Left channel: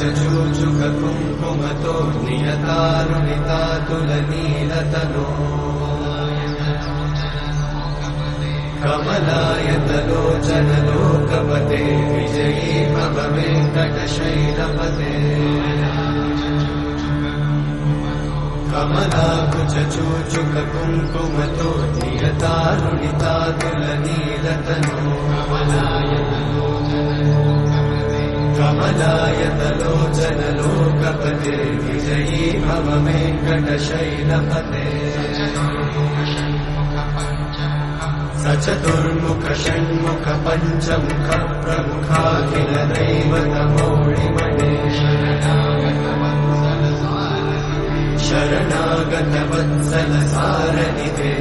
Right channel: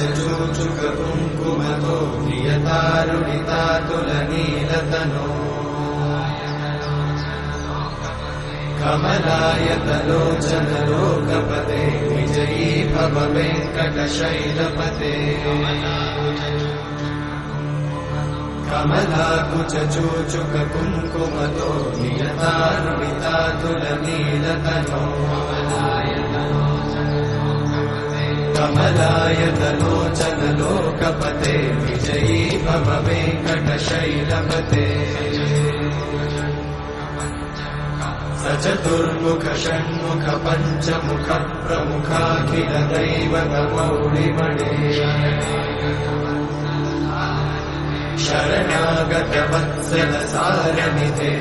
कुङ्कुमतो नियतारुणितातुलनीलतनो कमलायतलोचनलोकपते विजयी भव वेङ्कटशैलपते कमलाकुचूचुककुङ्कुमतो नियतारुणितातुलनीलतनो कमलायतलोचनलोकपते विजयी भव वेङ्कटशैलपते सचतुर्मुख षण्मुख पञ्चमुख प्रमुखाखिल दैवतमौलिमणे शरणागत वत्सल सारनिधे